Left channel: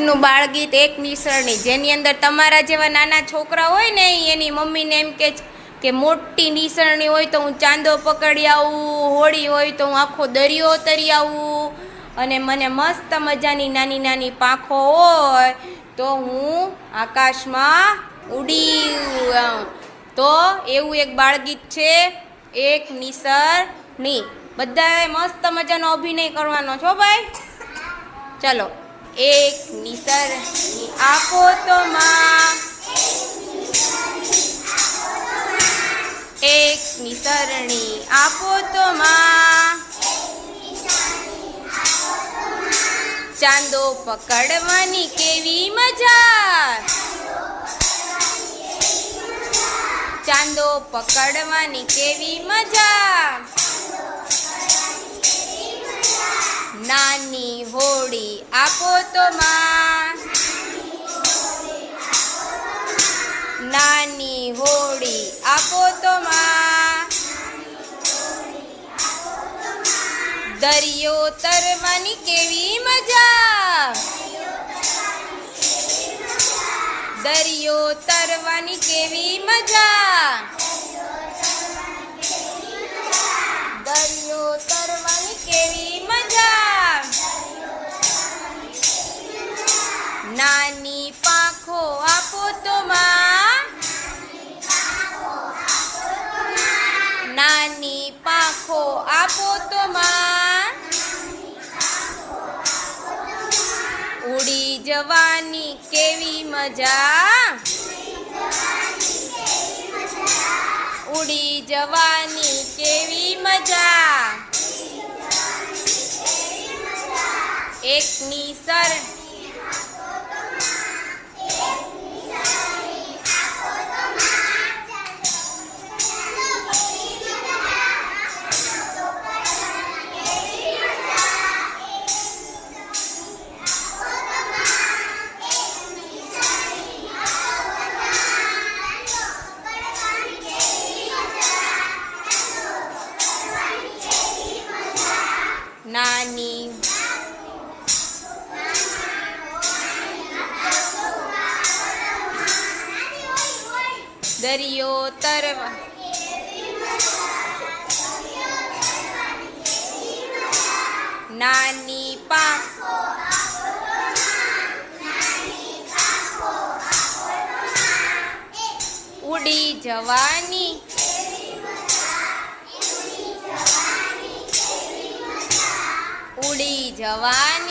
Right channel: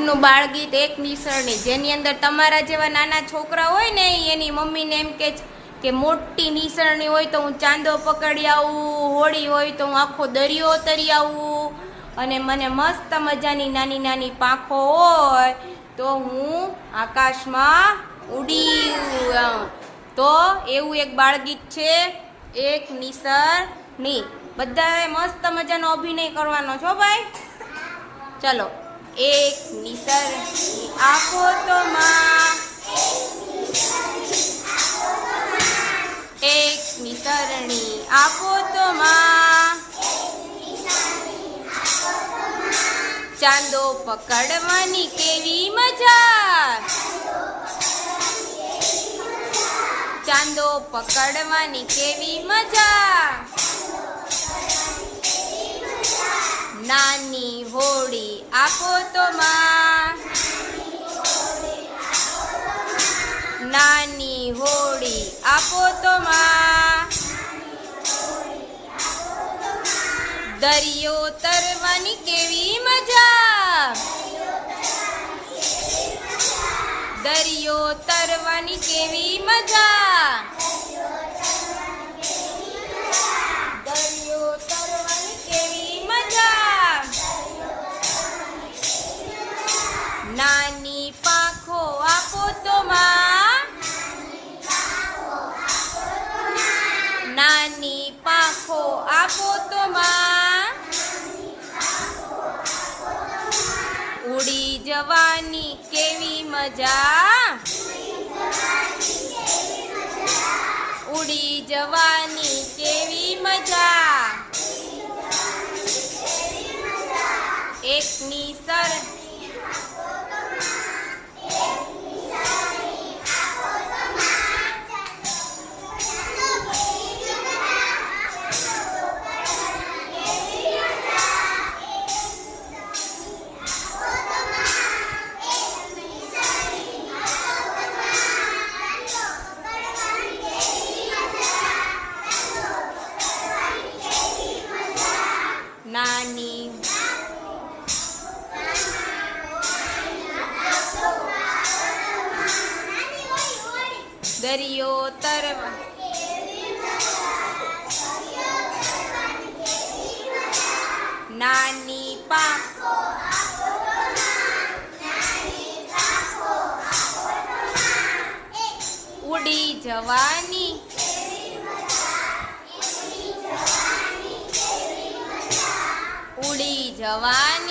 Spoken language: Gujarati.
નું બાળગીત એક નિસરણી જેની અંદર તમારા જેવા નાના છોકરા હોય ને, એની મમ્મીને એમ કે કે મોટી નિસરણી હોય તો હું ચાંદો પકડી આવું, હોળી હોય તો હું આખો દરિયો તરી આવું અને મને મસ્ત મજાની નાની નાની પાંખો હોય તો હું આકાશમાં ઉડી. તો એવું એક બાળગીત છે, એક નિસરણી. બધાએ મસ્ત મજાનો અભિનય કરવાનો છો ભાઈ? ચલો. એક નિસર આપો તો માં. એક નિસરણી આપો તો માં. ચાંદો પકડવાની કેવી મજા. ચાંદો પકડવાની કેવી મજા. નાની હોડી આપો તો માં. નાની હોડી આપો તો માં. દરિયો તરવાની કેવી મજા. દરિયો તરવાની કેવી મજા. નાની પાંખો આપો તો માં. નાની પાંખો આપો તો માં. ઉડી જવાની કેવી મજા. ઉડી જવાની કેવી મજા. એકની સર નાની દરિયો તરવા નાની પાંખ ઉડી જવાની જવાની